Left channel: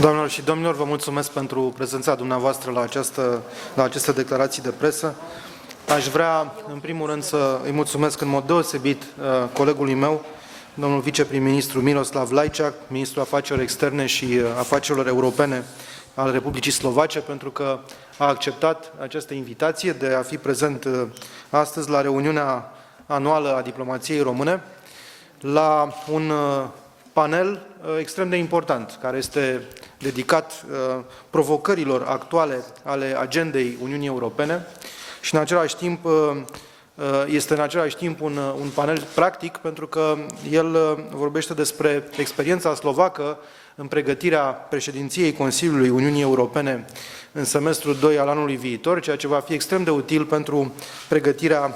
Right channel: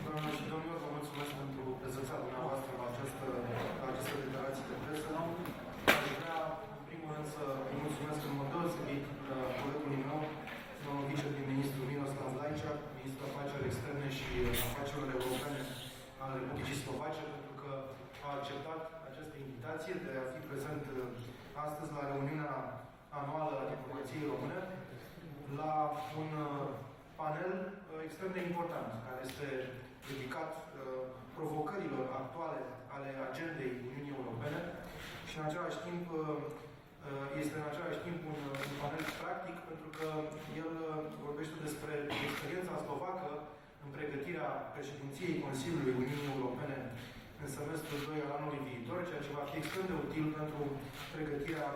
Doamnelor și domnilor, vă mulțumesc pentru prezența dumneavoastră la aceste declarații de presă. Aș vrea, în primul rând, să îi mulțumesc în mod deosebit colegului meu, domnul viceprim-ministru Miroslav Lajcák, ministrul afacerilor externe și afacerilor europene al Republicii Slovace, pentru că a acceptat această invitație de a fi prezent astăzi la reuniunea anuală a diplomației române, la un panel extrem de important, care este dedicat provocărilor actuale ale agendei Uniunii Europene și în același timp este în același timp un panel practic, pentru că el vorbește despre experiența slovacă în pregătirea președinției Consiliului Uniunii Europene în semestrul 2 al anului viitor, ceea ce va fi extrem de util pentru pregătirea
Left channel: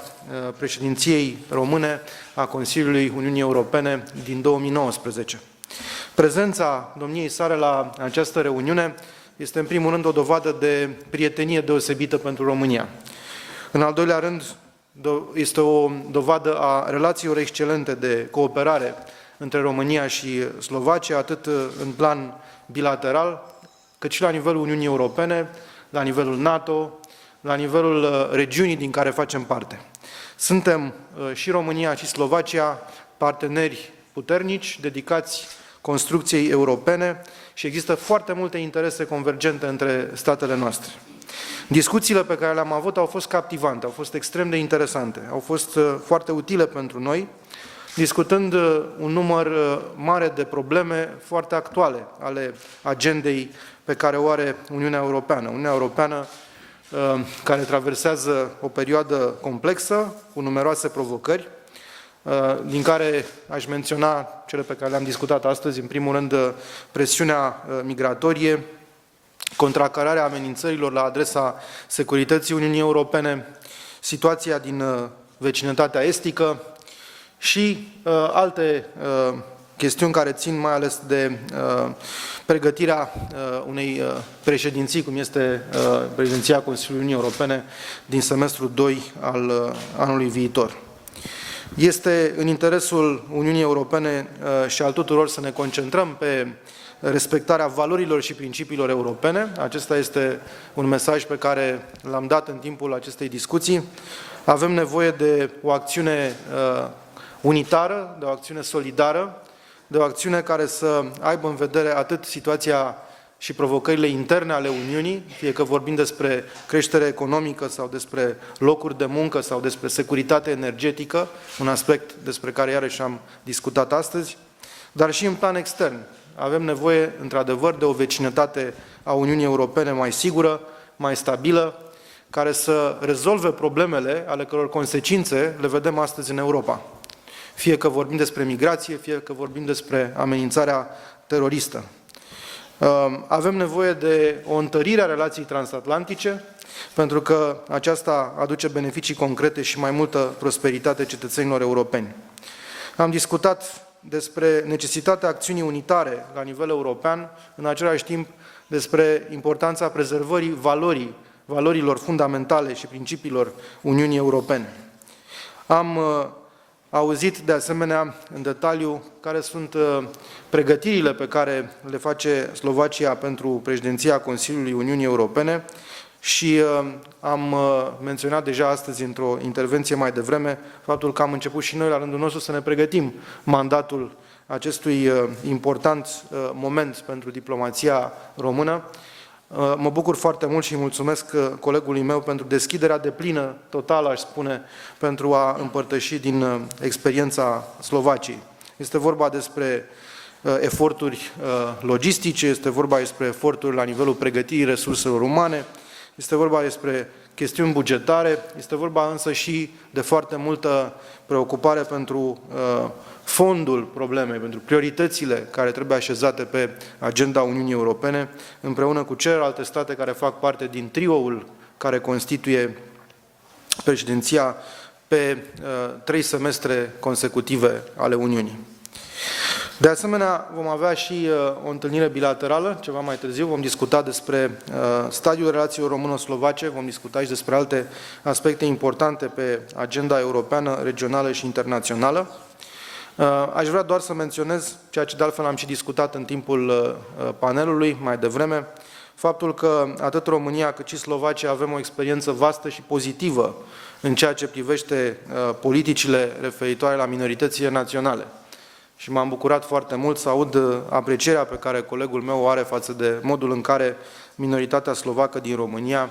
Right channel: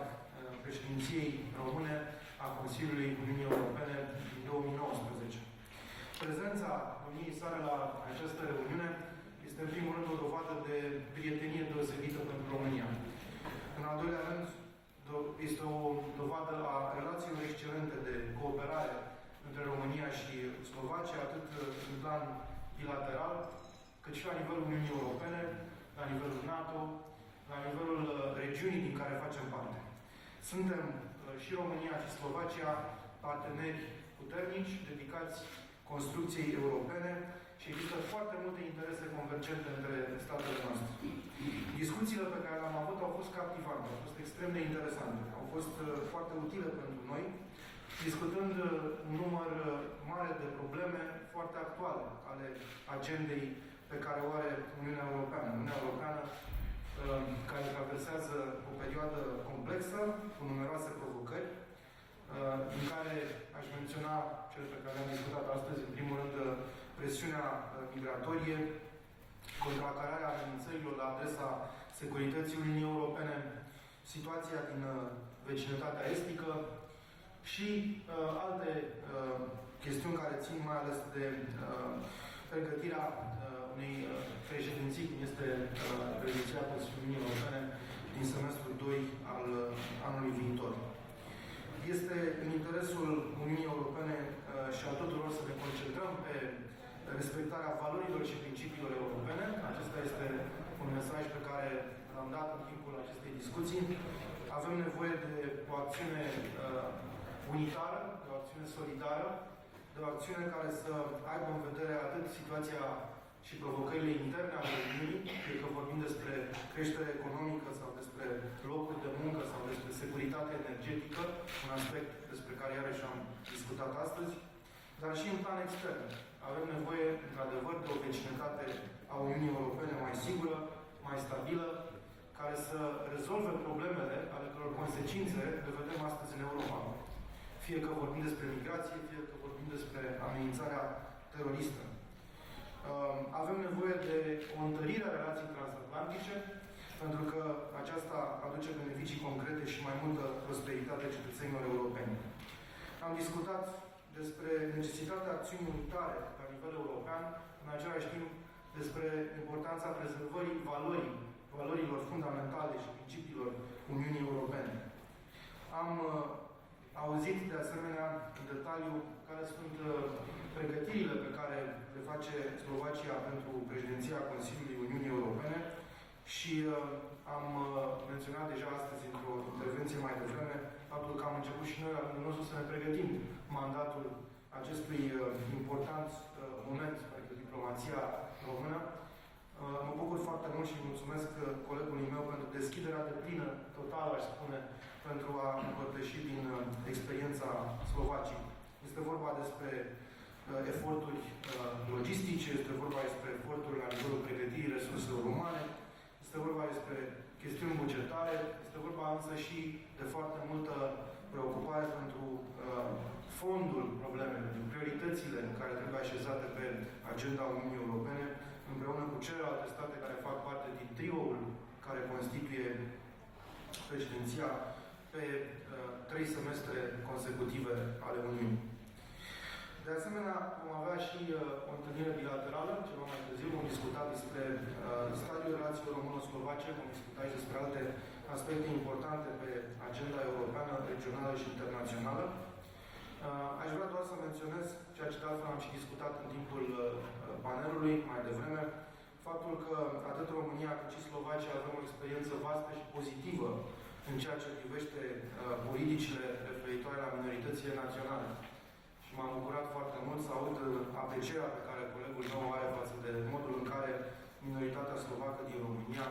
președinției române a Consiliului Uniunii Europene din 2019. Prezența domniei sale la această reuniune este în primul rând o dovadă de prietenie deosebită pentru România. În al doilea rând, este o dovadă a relațiilor excelente de cooperare între România și Slovacia, atât în plan bilateral, cât și la nivelul Uniunii Europene, la nivelul NATO, la nivelul regiunii din care facem parte. Suntem și România și Slovacia parteneri puternici, dedicați construcției europene și există foarte multe interese convergente între statele noastre. Discuțiile pe care le-am avut au fost captivante, au fost extrem de interesante, au fost foarte utile pentru noi, discutând un număr mare de probleme foarte actuale ale agendei pe care o are Uniunea Europeană. Uniunea Europeană care traversează o perioadă complexă, cu numeroase provocări, din care aș menționa cele pe care le-am discutat astăzi, în primul rând presiunea migratorie, contracararea amenințărilor la adresa securității Uniunii Europene, situația din vecinătatea estică și alte chestiuni care țin mai ales de pregătirea unei președinții, cum este președinția Consiliului Uniunii Europene din semestrul 2 al anului viitor. Este în interesul Uniunii Europene și al tuturor să ne concentrăm pe respectarea valorilor și principiilor europene. Acesta este un mesaj pe care l-am dat în timpul acestei discuții. Avem nevoie de o acțiune unitară, de o acțiune solidară, de o acțiune care să aibă în vedere atât situația și provocările interne ale Uniunii, fie că vorbim despre creștere economică sau despre locuri de muncă sau despre securitate energetică, un aspect despre care iarăși am discutat astăzi, dar și în plan extern. Avem nevoie, într-adevăr, de o vecinătate a Uniunii Europene mai sigură, mai stabilă, care să rezolve problemele ale căror consecințe le vedem astăzi în Europa. Fie că vorbim despre migrație, fie că vorbim despre amenințarea teroristă. Avem nevoie de o întărire a relației transatlantice, pentru că aceasta aduce beneficii concrete și mai multă prosperitate cetățenilor europeni. Am discutat despre necesitatea acțiunii unitare la nivel european, în același timp despre importanța prezervării valorilor fundamentale și principiilor Uniunii Europene. Am auzit de asemenea în detaliu care sunt pregătirile pe care le face Slovacia pentru președinția Consiliului Uniunii Europene și am menționat deja astăzi într-o intervenție mai devreme faptul că am început și noi la rândul nostru să ne pregătim mandatul acestui important moment pentru diplomația română. Mă bucur foarte mult și îi mulțumesc colegului meu pentru deschiderea deplină, totală, aș spune, pentru a împărtăși din experiența Slovaciei. Este vorba despre eforturi logistice, este vorba despre eforturi la nivelul pregătirii resurselor umane, este vorba despre chestiuni bugetare, este vorba însă și de foarte multă preocupare pentru fondul problemei, pentru prioritățile care trebuie așezate pe agenda Uniunii Europene, împreună cu celelalte state care fac parte din trioul care constituie președinția pe 3 semestre consecutive ale Uniunii. De asemenea, vom avea și o întâlnire bilaterală, ceva mai târziu, vom discuta despre stadiul relațiilor româno-slovace, vom discuta și despre alte aspecte importante pe agenda europeană, regională și internațională. Aș vrea doar să menționez, ceea ce de altfel am și discutat în timpul panelului mai devreme, faptul că atât România cât și Slovacia avem o experiență vastă și pozitivă în ceea ce privește politicile referitoare la minoritățile naționale. Și m-am bucurat foarte mult să aud aprecierea pe care colegul meu o are față de modul în care minoritatea slovacă din România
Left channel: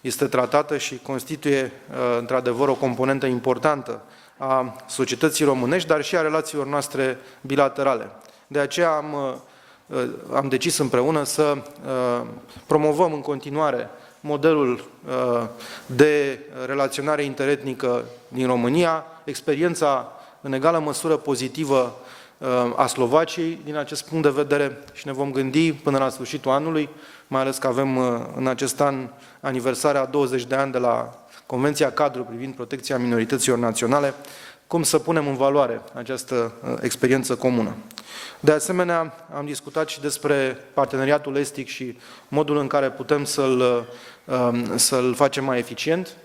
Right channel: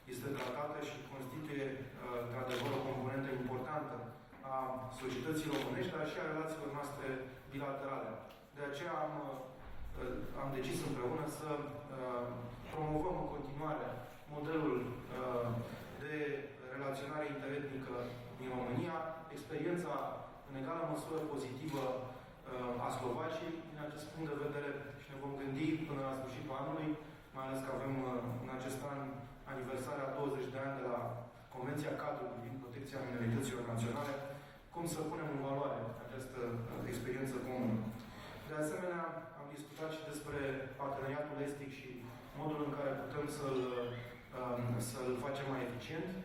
este tratată și constituie într-adevăr o componentă importantă a societății românești, dar și a relațiilor noastre bilaterale. De aceea am decis împreună să promovăm în continuare modelul de relaționare interetnică din România, experiența în egală măsură pozitivă a Slovaciei din acest punct de vedere și ne vom gândi până la sfârșitul anului, mai ales că avem în acest an aniversarea a 20 de ani de la Convenția Cadru privind protecția minorităților naționale, cum să punem în valoare această experiență comună. De asemenea, am discutat și despre parteneriatul estic și modul în care putem să-l facem mai eficient.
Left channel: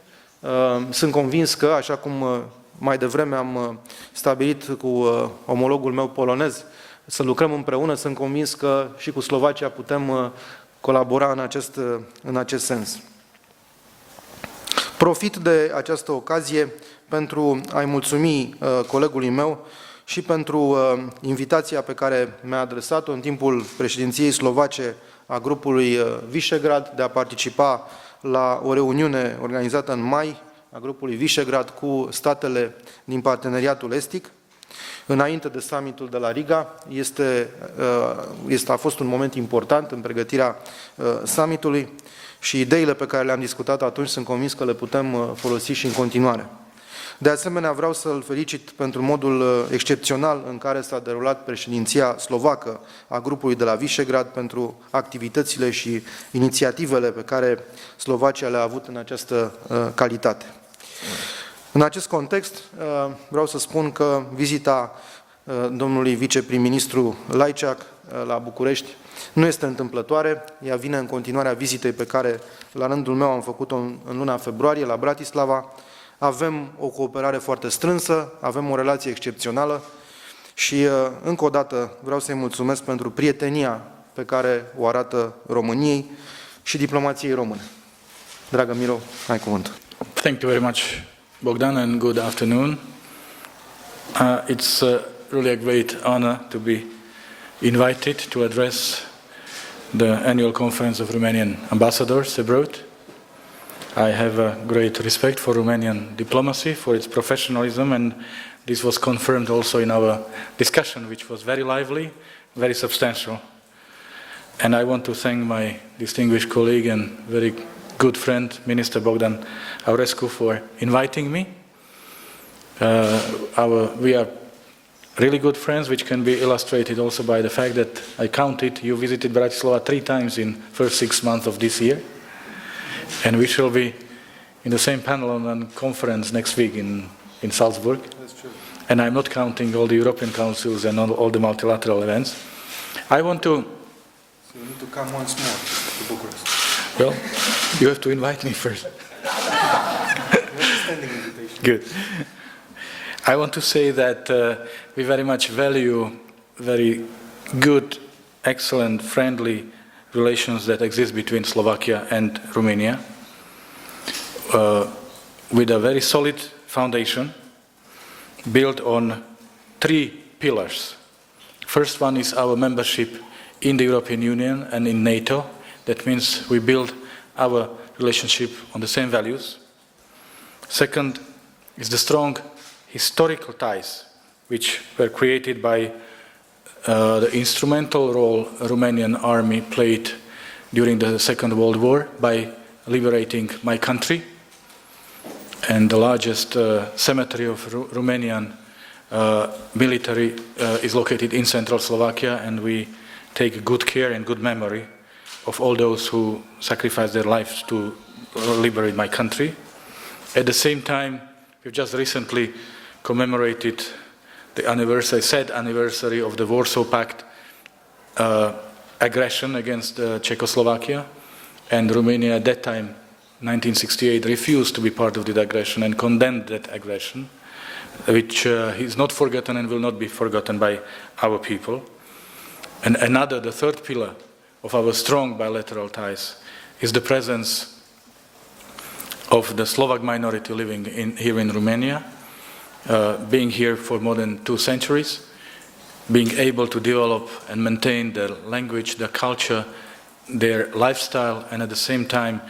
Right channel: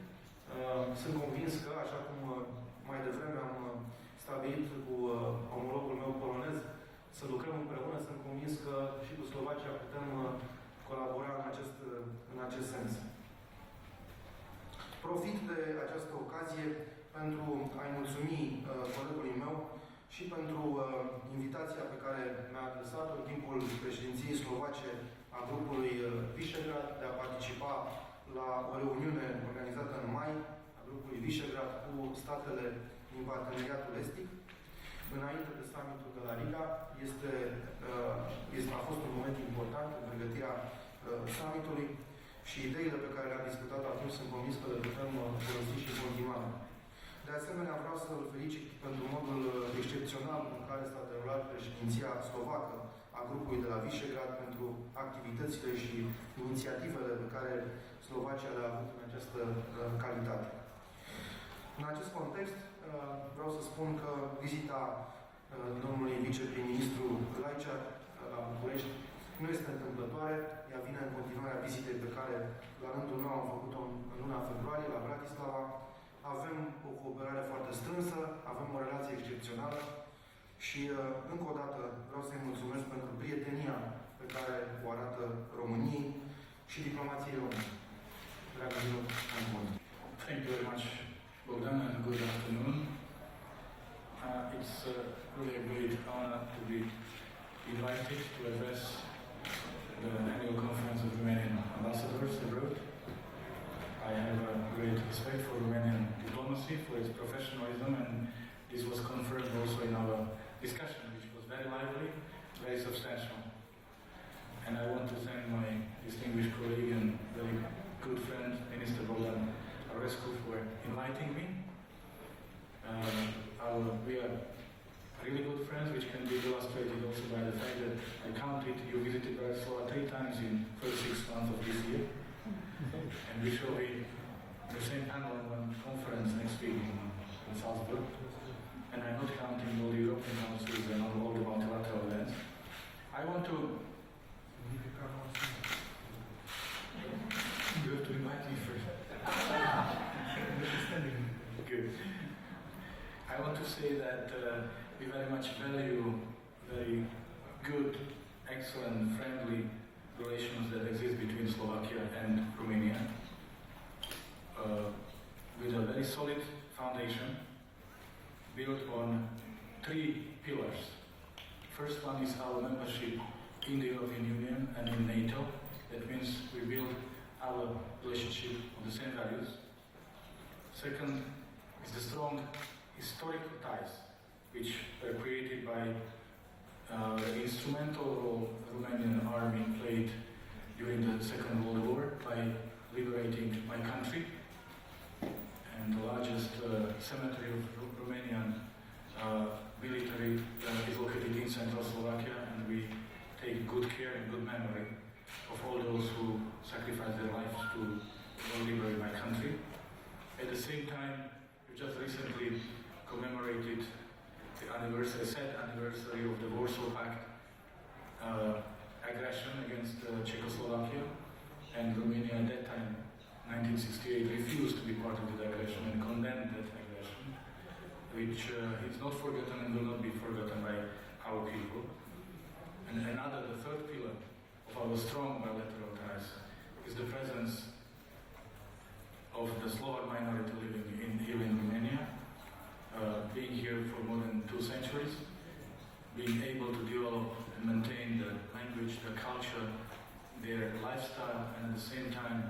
Sunt convins că, așa cum mai devreme am stabilit cu omologul meu polonez, să lucrăm împreună, sunt convins că și cu Slovacia putem colabora în acest sens. Profit de această ocazie pentru a-i mulțumi colegului meu și pentru invitația pe care mi-a adresat-o în timpul președinției slovace a grupului Visegrad de a participa la o reuniune organizată în mai a grupului Visegrad cu statele din parteneriatul estic. Înainte de summitul de la Riga, a fost un moment important în pregătirea summitului și ideile pe care le-am discutat atunci sunt convins că le putem folosi și în continuare. De asemenea, vreau să-l felicit pentru modul excepțional în care s-a derulat președinția slovacă a grupului de la Visegrad, pentru activitățile și inițiativele pe care Slovacia le-a avut în această calitate. În acest context, vreau să spun că vizita domnului viceprim-ministru Lajcák la București nu este întâmplătoare, ea vine în continuarea vizitei pe care la rândul meu am făcut-o în luna februarie la Bratislava. Avem o cooperare foarte strânsă, avem o relație excepțională și încă o dată vreau să-i mulțumesc pentru prietenia pe care o arată României și diplomației române. Dragă Miro, ai cuvântul. Thank you very much, Bogdan, and good afternoon. It's really a great honor to be invited to address the annual conference of Romanian ambassadors abroad. I have a great respect for Romanian diplomacy, for its professionalism, and this was confirmed also in our discussion, which was very lively, very substantial. And I want to thank my distinguished colleague and very good friend, Minister Bogdan Aurescu, for inviting me. We are really good friends, which can be illustrated also by the fact that I counted, you visited Bratislava 3 times in the first 6 months of this year. And we shall be in the same panel on a conference next week in Salzburg. That's true. And I'm not counting all the European councils and all the multilateral events. I want to... So you need to come once more to Bucharest. Well, you have to invite me first. Standing invitation. Good. I want to say that we very much value very good, excellent, friendly relations that exist between Slovakia and Romania, with a very solid foundation built on 3 pillars. First one is our membership in the European Union and in NATO. That means we build our relationship on the same values. Second is the strong historical ties which were created by the instrumental role Romanian army played during the Second World War by liberating my country. And the largest cemetery of Romanian military is located in central Slovakia, and we take good care and good memory of all those who sacrificed their lives to liberate my country. At the same time, we've just recently commemorated the anniversary, sad anniversary of the Warsaw Pact aggression against Czechoslovakia, and Romania at that time, 1968, refused to be part of that aggression and condemned that aggression which is not forgotten and will not be forgotten by our people. And the third pillar of our strong bilateral ties is the presence of the Slovak minority living here in Romania, being here for more than 2 centuries, being able to develop and maintain their language, their culture, their lifestyle, and at the same time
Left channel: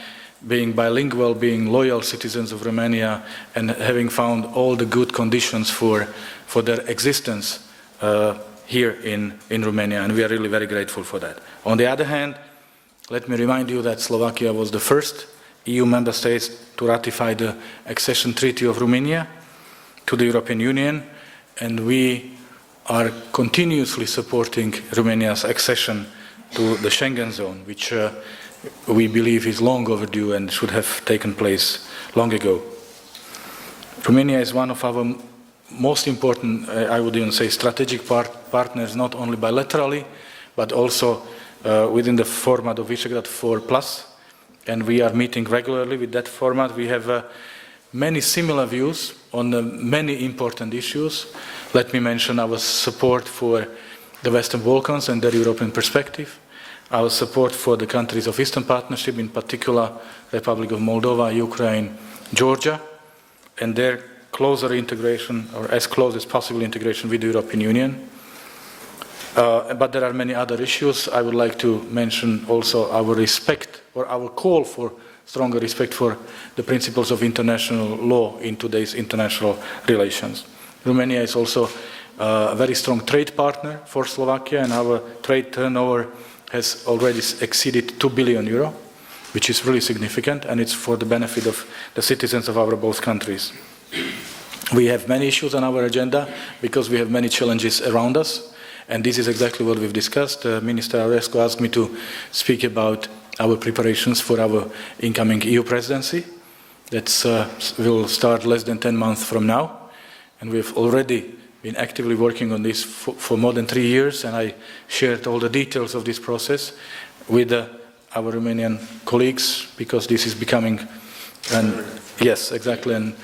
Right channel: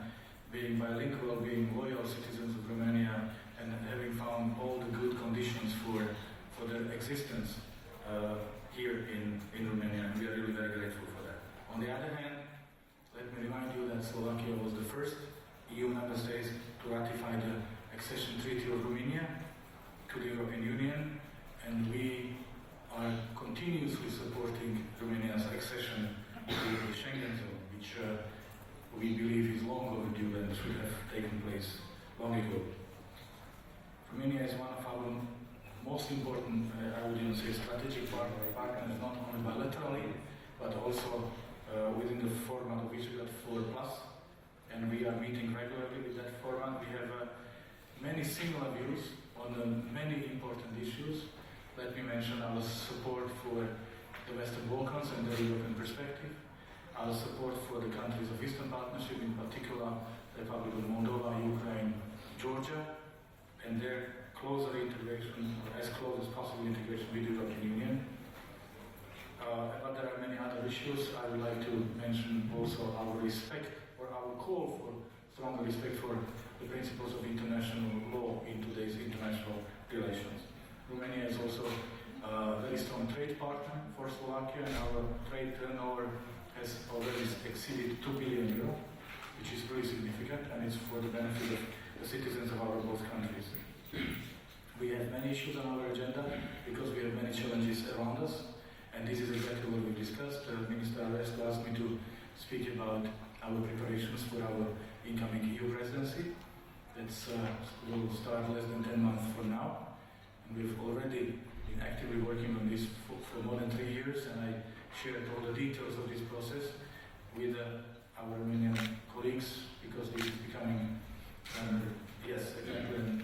being bilingual, being loyal citizens of Romania, and having found all the good conditions for their existence here in Romania, and we are really very grateful for that. On the other hand, let me remind you that Slovakia was the first EU member state to ratify the accession treaty of Romania to the European Union, and we are continuously supporting Romania's accession to the Schengen zone, which we believe is long overdue and should have taken place long ago. Romania is one of our most important, I would even say, strategic partners, not only bilaterally, but also within the format of Visegrad 4+, and we are meeting regularly with that format. We have many similar views on many important issues. Let me mention our support for the Western Balkans and their European perspective, our support for the countries of Eastern Partnership, in particular Republic of Moldova, Ukraine, Georgia, and their closer integration, or as close as possible integration with the European Union. But there are many other issues. I would like to mention also our respect, or our call for stronger respect for the principles of international law in today's international relations. Romania is also a very strong trade partner for Slovakia, and our trade turnover has already exceeded 2 billion euro, which is really significant, and it's for the benefit of the citizens of our both countries. We have many issues on our agenda because we have many challenges around us, and this is exactly what we've discussed. Minister Aurescu asked me to speak about our preparations for our incoming EU presidency. That will start less than 10 months from now, and we've already been actively working on this for more than 3 years, and I shared all the details of this process with our Romanian colleagues, because this is becoming yes, exactly, and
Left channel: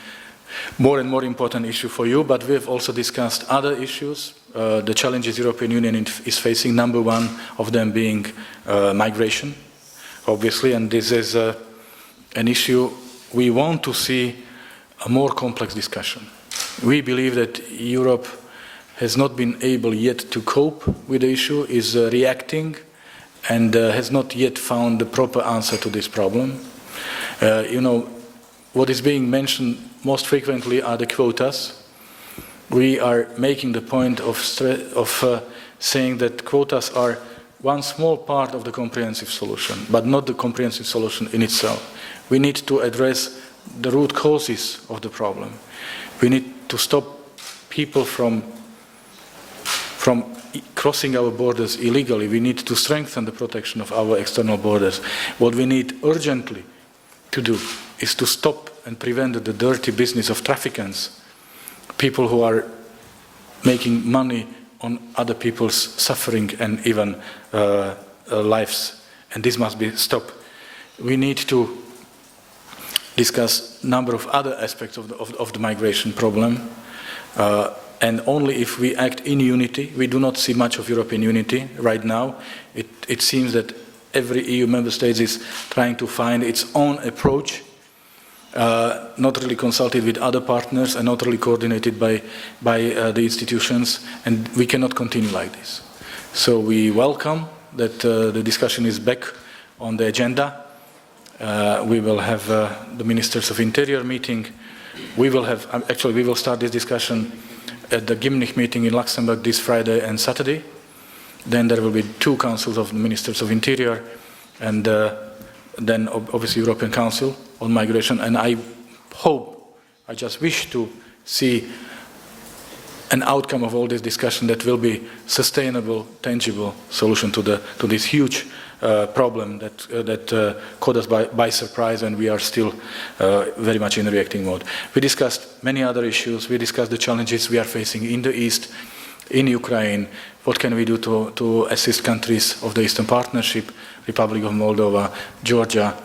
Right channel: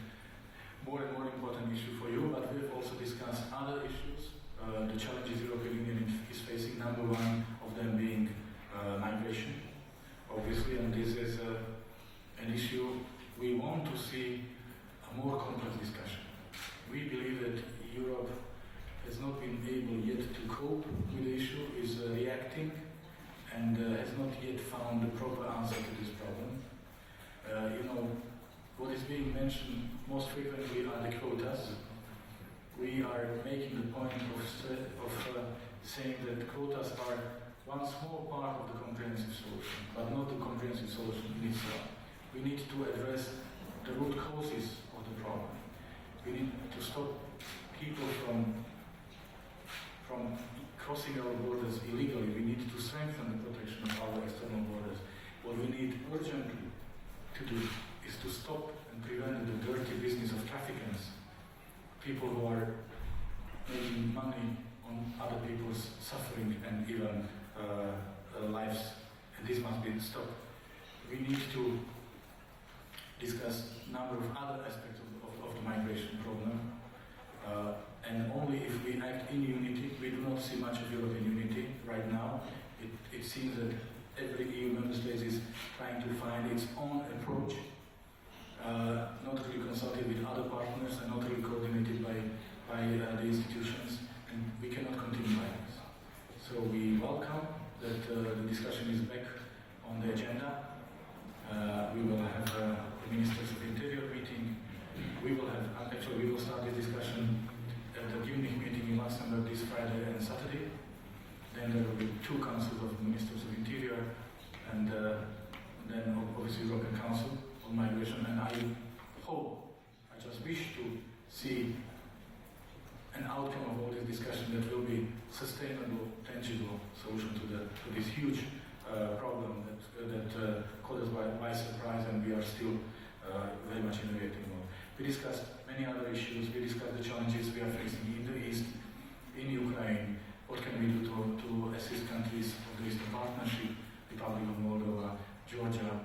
more important issue for you. But we have also discussed other issues, the challenges the European Union is facing, number one of them being migration, obviously, and this is an issue we want to see a more complex discussion. We believe that Europe has not been able yet to cope with the issue, is reacting, and has not yet found the proper answer to this problem. You know, what is being mentioned most frequently are the quotas. We are making the point of saying that quotas are one small part of the comprehensive solution, but not the comprehensive solution in itself. We need to address the root causes of the problem. We need to stop people from crossing our borders illegally. We need to strengthen the protection of our external borders. What we need urgently to do is to stop and prevent the dirty business of traffickants, people who are making money on other people's suffering and even lives, and this must be stopped. We need to discuss a number of other aspects of the migration problem, and only if we act in unity. We do not see much of European unity right now. It seems that every EU member state is trying to find its own approach, not really consulted with other partners and not really coordinated by the institutions, and we cannot continue like this. So we welcome that the discussion is back on the agenda. We will have the Ministers of Interior meeting. We will start this discussion at the Gimnich meeting in Luxembourg this Friday and Saturday. Then there will be 2 councils of the Ministers of Interior, and then obviously European Council on migration. And I just wish to see an outcome of all this discussion that will be sustainable, tangible solution to this huge problem that caught us by surprise, and we are still very much in reacting mode. We discussed many other issues. We discussed the challenges we are facing in the East, in Ukraine. What can we do to assist countries of the Eastern Partnership, Republic of Moldova, Georgia?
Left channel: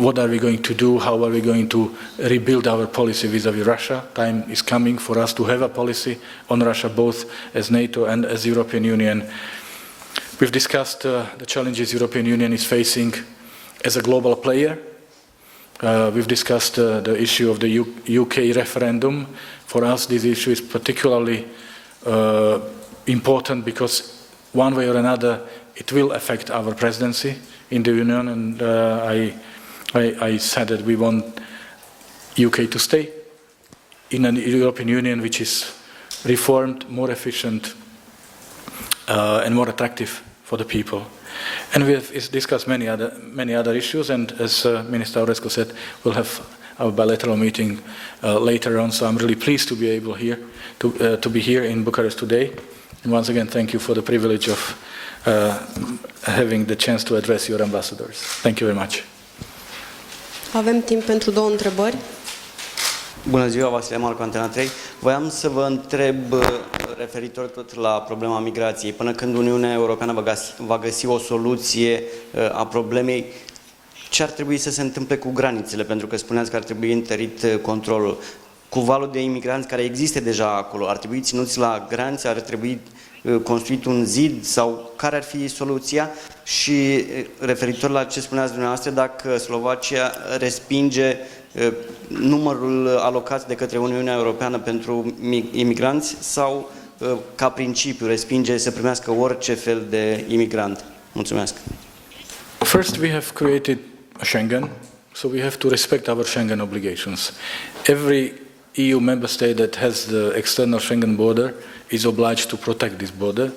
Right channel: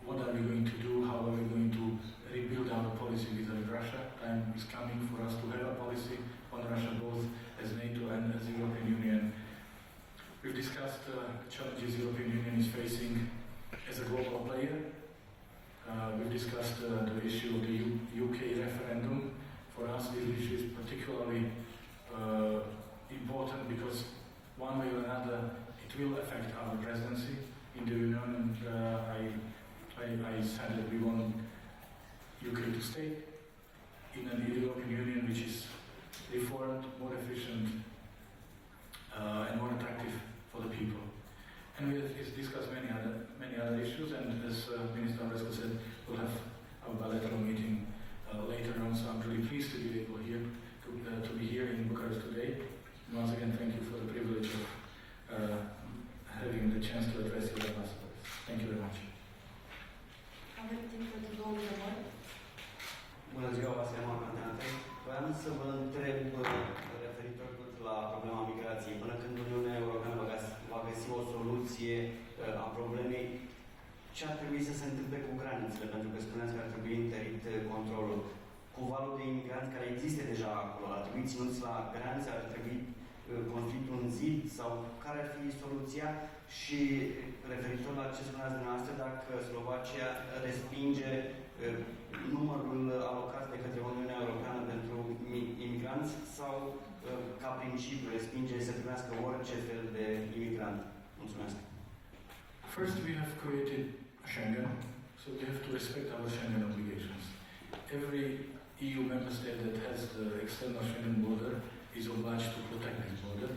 what are we going to do, how are we going to rebuild our policy vis-à-vis Russia. Time is coming for us to have a policy on Russia, both as NATO and as European Union. We've discussed the challenges European Union is facing as a global player. We've discussed the issue of the UK referendum. For us, this issue is particularly important because one way or another it will affect our presidency in the Union, and I said that we want UK to stay in a European Union which is reformed, more efficient, and more attractive for the people. And we have discussed many other issues, and as Minister Aurescu said, we'll have our bilateral meeting later on. So I'm really pleased to be able to be here in Bucharest today. And once again, thank you for the privilege of having the chance to address your ambassadors. Thank you very much. Avem timp pentru 2 întrebări. Bună ziua, Vasile Marcu, Antena 3. Voiam să vă întreb referitor tot la problema migrației. Până când Uniunea Europeană va găsi o soluție a problemei, ce ar trebui să se întâmple cu granițele? Pentru că spuneați că ar trebui întărit controlul. Cu valul de imigranți care există deja acolo, ar trebui ținuți la granițe, ar trebui construit un zid sau care ar fi soluția? Și referitor la ce spuneați dumneavoastră, dacă Slovacia respinge numărul alocat de către Uniunea Europeană pentru imigranți sau ca principiu respinge să primească orice fel de imigrant? Mulțumesc. First, we have created Schengen, so we have to respect our Schengen obligations. Every EU member state that has the external Schengen border is obliged to protect this border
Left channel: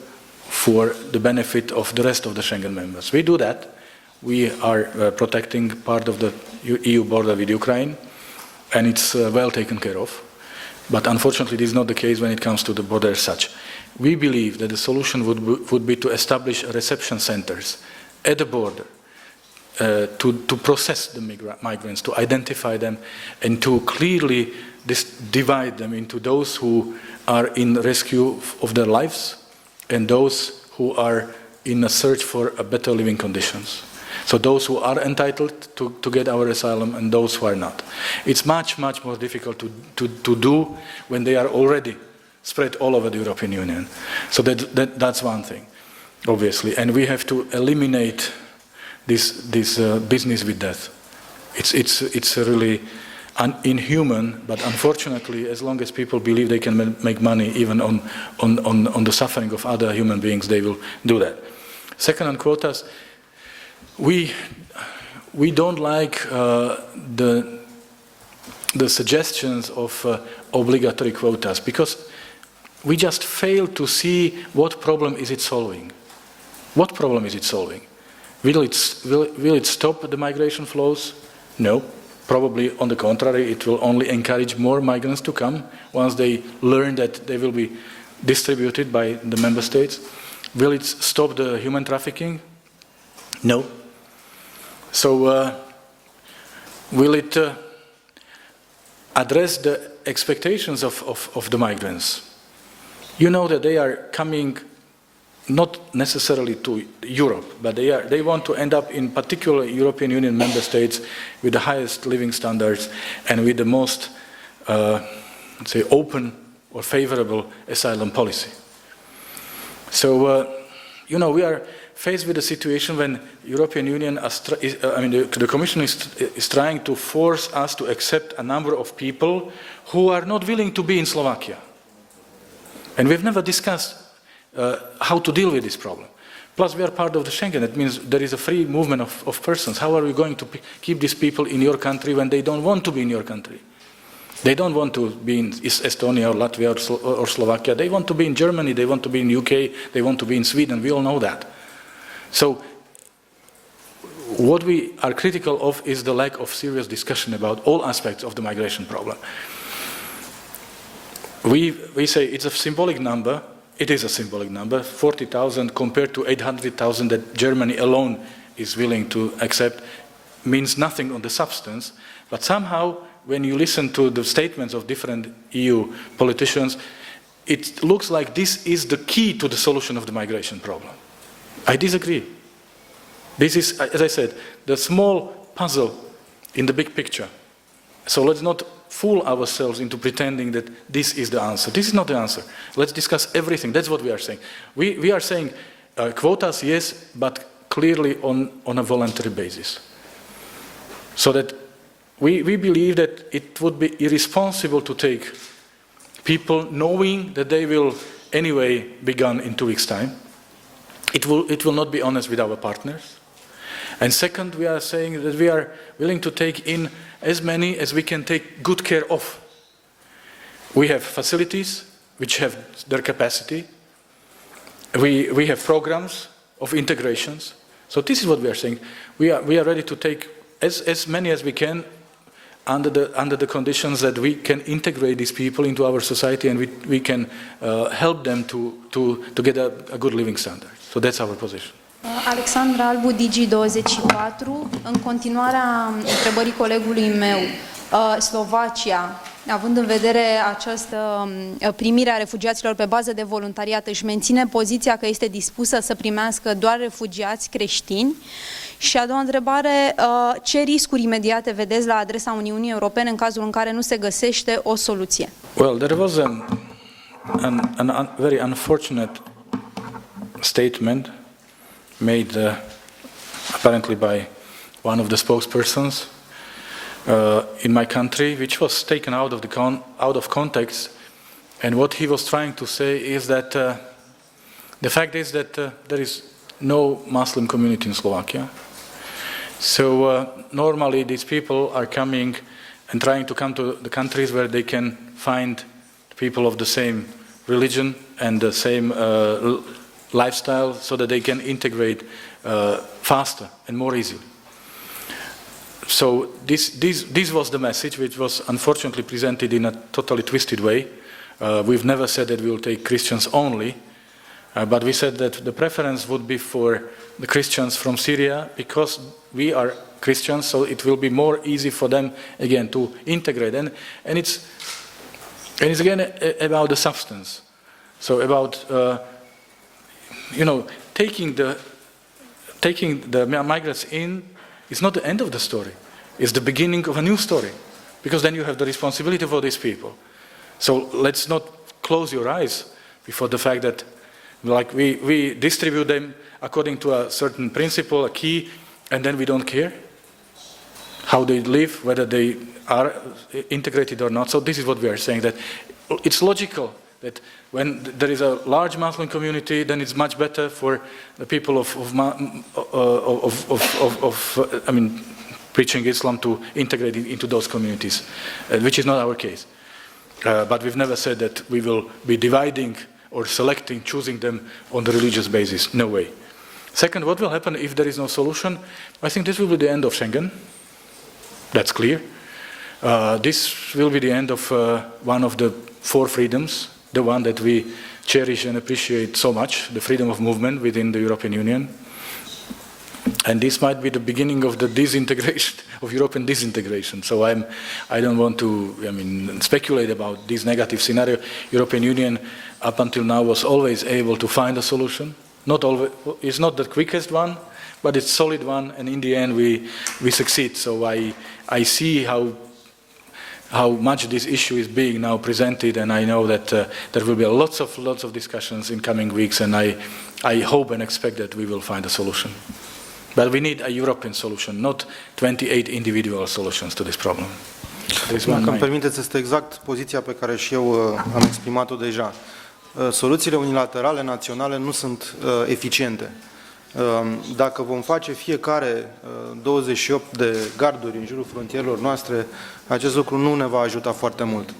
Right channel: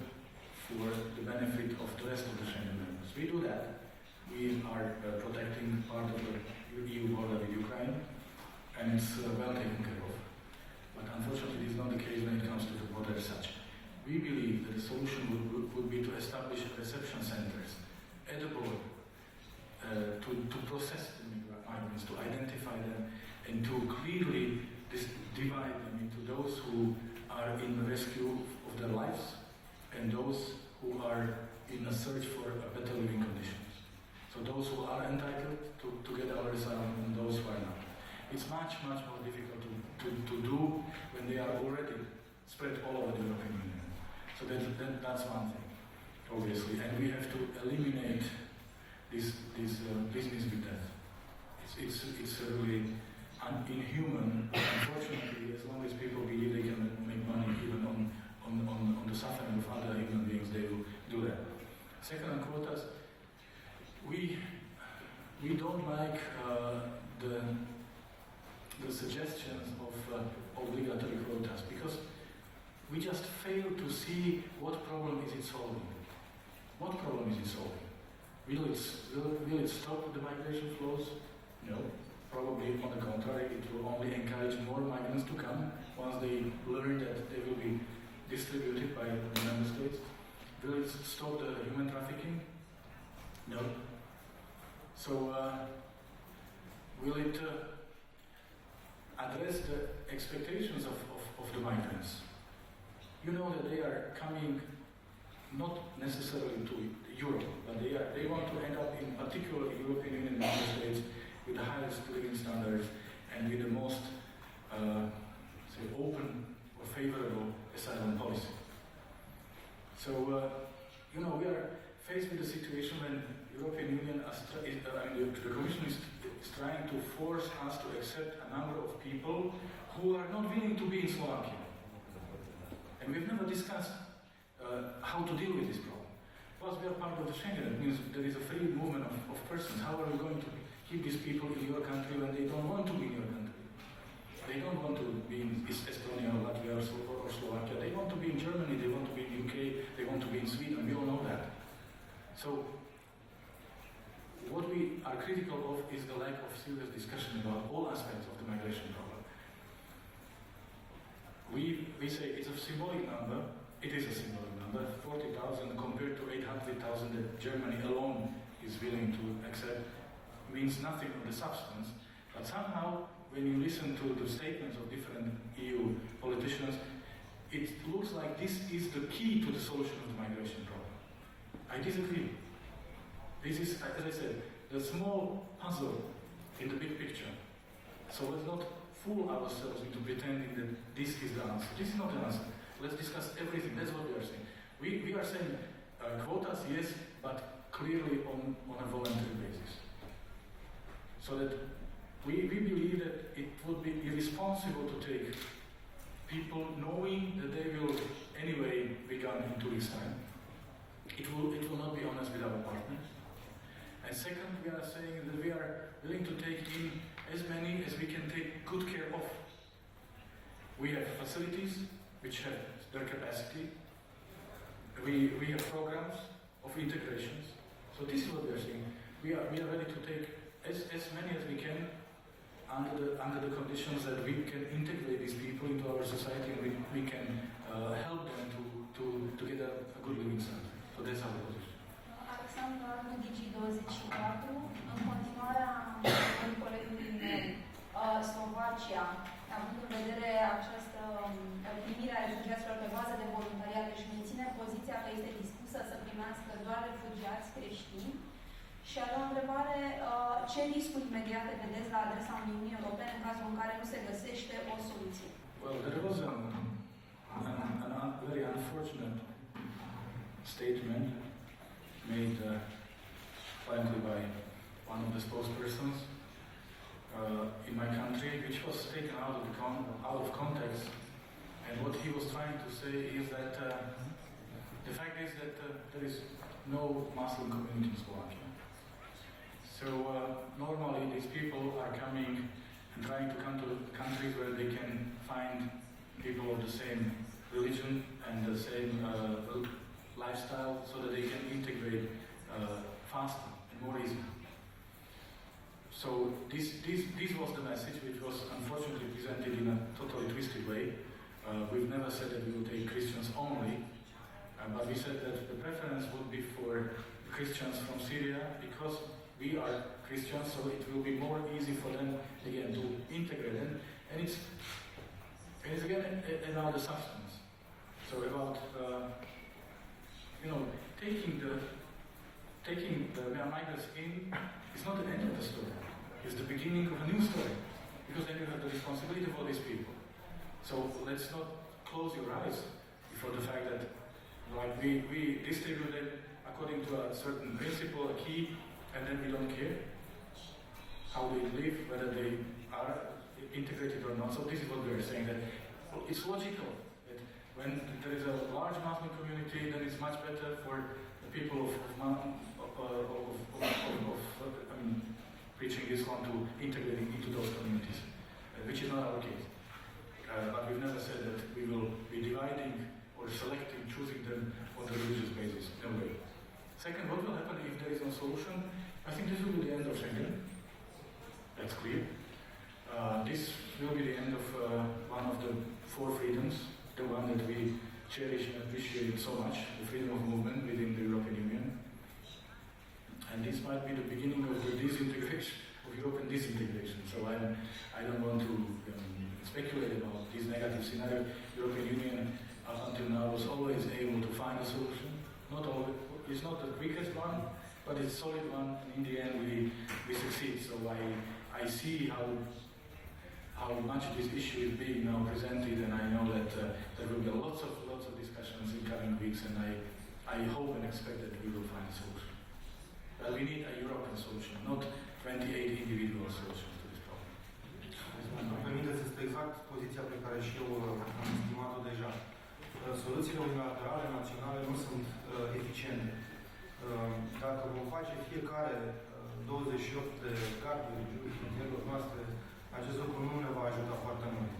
for the benefit of the rest of the Schengen members. We do that. We are protecting part of the EU border with Ukraine, and it's well taken care of. But unfortunately, this is not the case when it comes to the border as such. We believe that the solution would be to establish reception centers at the border to process the migrants, to identify them, and to clearly divide them into those who are in rescue of their lives and those who are in a search for a better living conditions. So those who are entitled to get our asylum and those who are not. It's much more difficult to do when they are already spread all over the European Union. So that's one thing, obviously. And we have to eliminate this business with death. It's really inhuman, but unfortunately, as long as people believe they can make money even on the suffering of other human beings, they will do that. Second, on quotas, we don't like the suggestions of obligatory quotas because we just fail to see what problem is it solving. What problem is it solving? Will it stop the migration flows? No. Probably on the contrary, it will only encourage more migrants to come once they learn that they will be distributed by the member states. Will it stop the human trafficking? No. So will it address the expectations of the migrants? You know that they are coming not necessarily to Europe, but they want to end up in particular European Union member states with the highest living standards and with the most, let's say, open or favorable asylum policy. So, you know, we are faced with a situation when European Union, the Commission is trying to force us to accept a number of people who are not willing to be in Slovakia. And we've never discussed how to deal with this problem. Plus, we are part of the Schengen. It means there is a free movement of persons. How are we going to keep these people in your country when they don't want to be in your country? They don't want to be in Estonia or Latvia or Slovakia. They want to be in Germany. They want to be in UK. They want to be in Sweden. We all know that. So what we are critical of is the lack of serious discussion about all aspects of the migration problem. We say it's a symbolic number. It is a symbolic number, 40,000 compared to 800,000 that Germany alone is willing to accept means nothing on the substance. But somehow, when you listen to the statements of different EU politicians, it looks like this is the key to the solution of the migration problem. I disagree. This is, as I said, the small puzzle in the big picture. So let's not fool ourselves into pretending that this is the answer. This is not the answer. Let's discuss everything. That's what we are saying. We are saying quotas, yes, but clearly on a voluntary basis. So that we believe that it would be irresponsible to take people knowing that they will anyway be gone in 2 weeks' time. It will not be honest with our partners. And second, we are saying that we are willing to take in as many as we can take good care of. We have facilities which have their capacity. We have programs of integrations. So this is what we are saying. We are ready to take as many as we can under the conditions that we can integrate these people into our society and we can help them to get a good living standard. So that's our position. Alexandra Albu, Digi24. În continuarea întrebării colegului meu, Slovacia, având în vedere această primire a refugiaților pe bază de voluntariat, își menține poziția că este dispusă să primească doar refugiați creștini? Și a doua întrebare, ce riscuri imediate vedeți la adresa Uniunii Europene în cazul în care nu se găsește o soluție? Well, there was a very unfortunate statement made apparently by one of the spokespersons in my country, which was taken out of context. And what he was trying to say is that the fact is that there is no Muslim community in Slovakia. So normally these people are coming and trying to come to the countries where they can find people of the same religion and the same lifestyle so that they can integrate faster and more easily. So this was the message which was unfortunately presented in a totally twisted way. We've never said that we will take Christians only, but we said that the preference would be for the Christians from Syria because we are Christians, so it will be more easy for them again to integrate. And it's again about the substance. So about taking the migrants in is not the end of the story. It's the beginning of a new story, because then you have the responsibility for these people. So let's not close your eyes before the fact that, like, we distribute them according to a certain principle, a key, and then we don't care how they live, whether they are integrated or not. So this is what we are saying, that it's logical that when there is a large Muslim community, then it's much better for the people preaching Islam to integrate into those communities, which is not our case. But we've never said that we will be dividing or selecting, choosing them on the religious basis. No way. Second, what will happen if there is no solution? I think this will be the end of Schengen. That's clear. This will be the end of one of the 4 freedoms, the one that we cherish and appreciate so much, the freedom of movement within the European Union. And this might be the beginning of the disintegration, of European disintegration. So I don't want to speculate about this negative scenario. European Union up until now was always able to find a solution. Not always, it's not the quickest one, but it's a solid one, and in the end we succeed. So I see how much this issue is being now presented, and I know that there will be lots of discussions in coming weeks, and I hope and expect that we will find a solution. But we need a European solution, not 28 individual solutions to this problem. Dacă îmi permiteți, este exact poziția pe care și eu am exprimat-o deja. Soluțiile unilaterale naționale nu sunt eficiente. Dacă vom face fiecare 28 de garduri în jurul frontierelor noastre, acest lucru nu ne va ajuta foarte mult.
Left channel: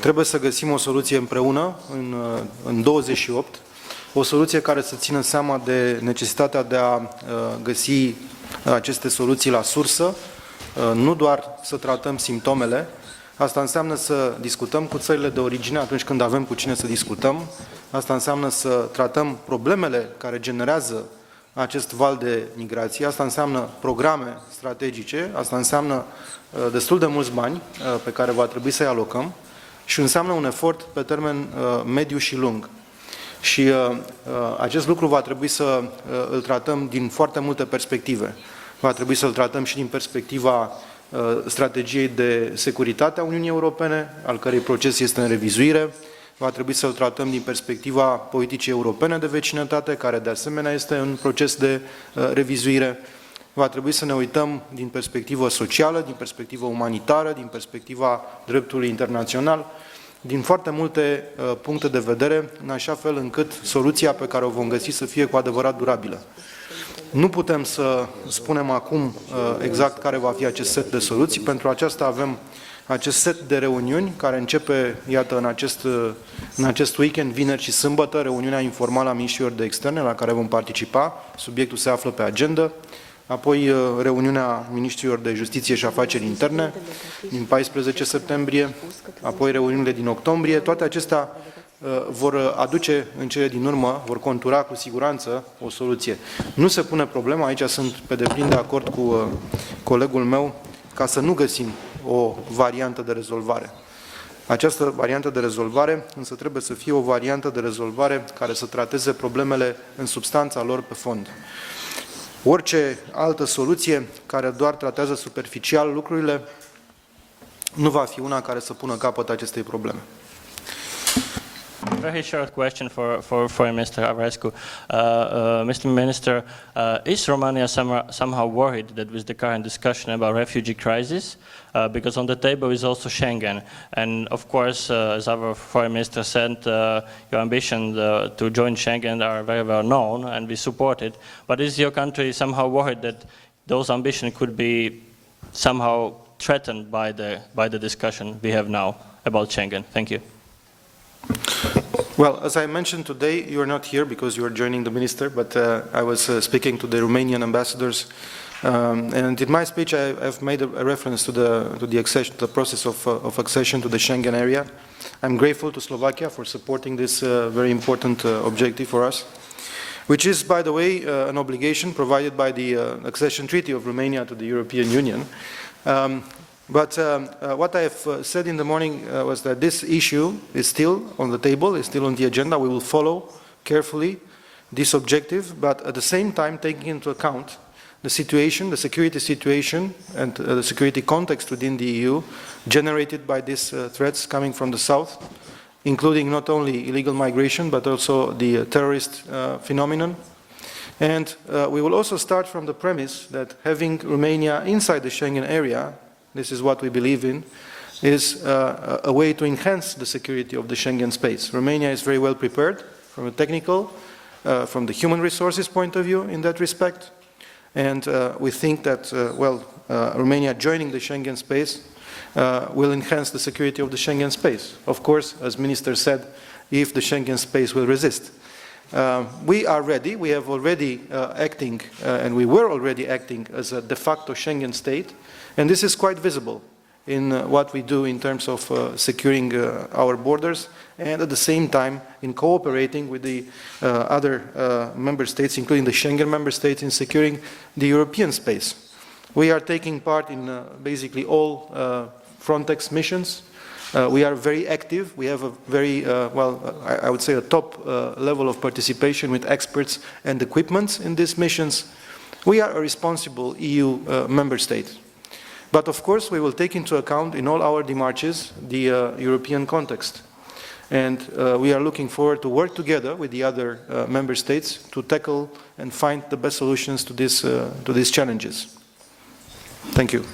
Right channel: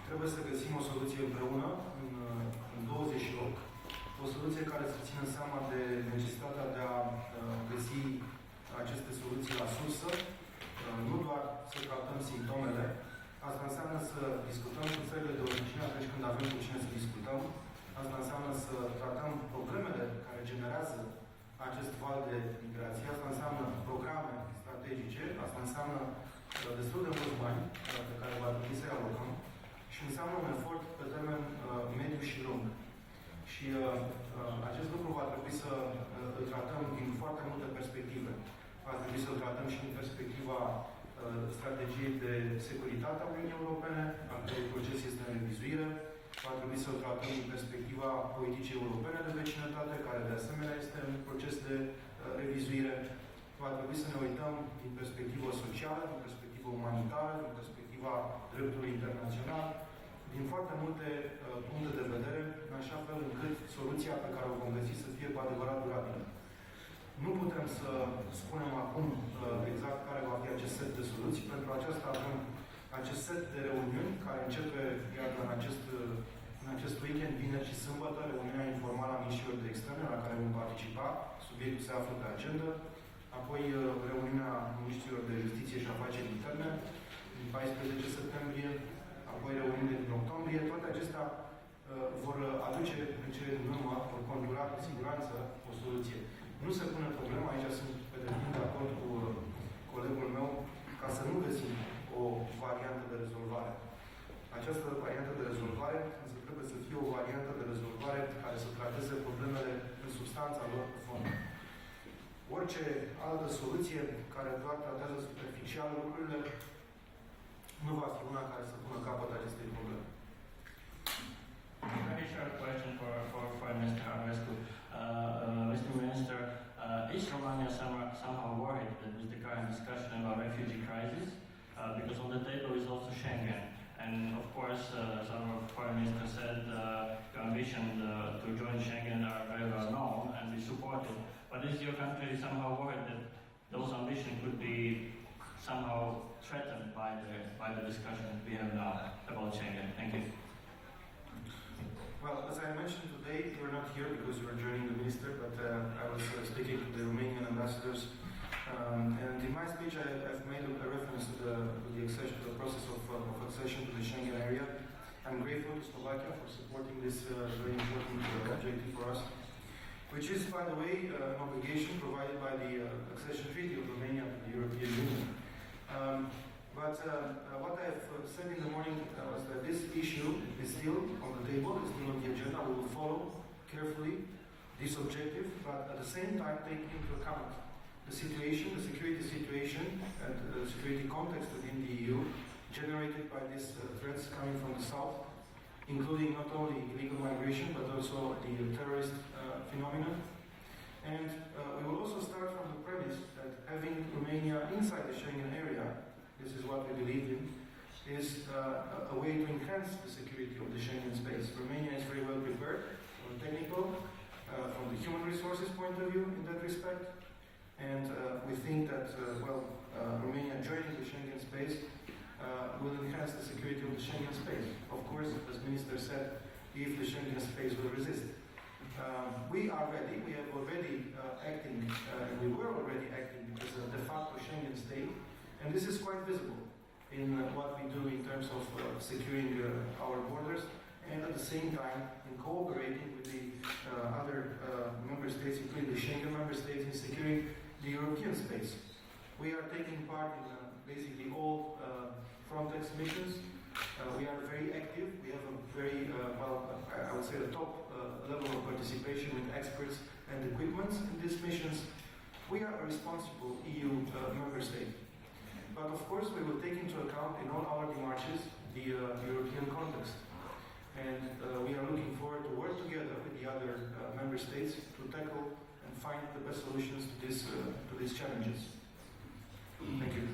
Trebuie să găsim o soluție împreună, în 28, o soluție care să țină seama de necesitatea de a găsi aceste soluții la sursă, nu doar să tratăm simptomele. Asta înseamnă să discutăm cu țările de origine atunci când avem cu cine să discutăm. Asta înseamnă să tratăm problemele care generează acest val de migrație. Asta înseamnă programe strategice, asta înseamnă destul de mulți bani pe care va trebui să-i alocăm și înseamnă un efort pe termen mediu și lung. Și acest lucru va trebui să îl tratăm din foarte multe perspective. Va trebui să-l tratăm și din perspectiva strategiei de securitate a Uniunii Europene, al cărei proces este în revizuire. Va trebui să-l tratăm din perspectiva politicii europene de vecinătate, care de asemenea este în proces de revizuire. Va trebui să ne uităm din perspectivă socială, din perspectivă umanitară, din perspectiva dreptului internațional, din foarte multe puncte de vedere, în așa fel încât soluția pe care o vom găsi să fie cu adevărat durabilă. Nu putem să spunem acum exact care va fi acest set de soluții. Pentru aceasta avem acest set de reuniuni care începe, iată, în acest weekend, vineri și sâmbătă, reuniunea informală a ministrilor de externe la care vom participa. Subiectul se află pe agenda. Apoi reuniunea ministrilor de justiție și afaceri interne din 14 septembrie, apoi reuniunile din octombrie. Toate acestea vor aduce în cele din urmă, vor contura cu siguranță o soluție. Nu se pune problema, aici sunt pe deplin de acord cu colegul meu, ca să nu găsim o variantă de rezolvare. Această variantă de rezolvare însă trebuie să fie o variantă de rezolvare care să trateze problemele în substanța lor pe fond. Orice altă soluție care doar tratează superficial lucrurile nu va fi una care să pună capăt acestei probleme. Very short question for Mr. Aurescu. Mr. Minister, is Romania somehow worried that with the current discussion about refugee crisis, because on the table is also Schengen, and of course, as our foreign minister said, your ambition to join Schengen are very well known, and we support it. But is your country somehow worried that those ambitions could be somehow threatened by the discussion we have now about Schengen? Thank you. Well, as I mentioned today, you are not here because you are joining the minister, but I was speaking to the Romanian ambassadors, and in my speech I have made a reference to the process of accession to the Schengen area. I'm grateful to Slovakia for supporting this very important objective for us, which is, by the way, an obligation provided by the accession treaty of Romania to the European Union. But what I have said in the morning was that this issue is still on the table, is still on the agenda. We will follow carefully this objective, but at the same time taking into account the situation, the security situation, and the security context within the EU generated by these threats coming from the south, including not only illegal migration, but also the terrorist phenomenon. And we will also start from the premise that having Romania inside the Schengen area, this is what we believe in, is a way to enhance the security of the Schengen space. Romania is very well prepared from a technical, from the human resources point of view in that respect. And we think that, Romania joining the Schengen space will enhance the security of the Schengen space. Of course, as Minister said, if the Schengen space will resist. We are ready, we have already acting, and we were already acting as a de facto Schengen state. And this is quite visible in what we do in terms of securing our borders, and at the same time in cooperating with the other member states, including the Schengen member states, in securing the European space. We are taking part in basically all Frontex missions. We are very active. We have a very, I would say a top level of participation with experts and equipment in these missions. We are a responsible EU member state. But of course, we will take into account in all our démarches the European context. And we are looking forward to work together with the other member states to tackle and find the best solutions to these challenges. Thank you.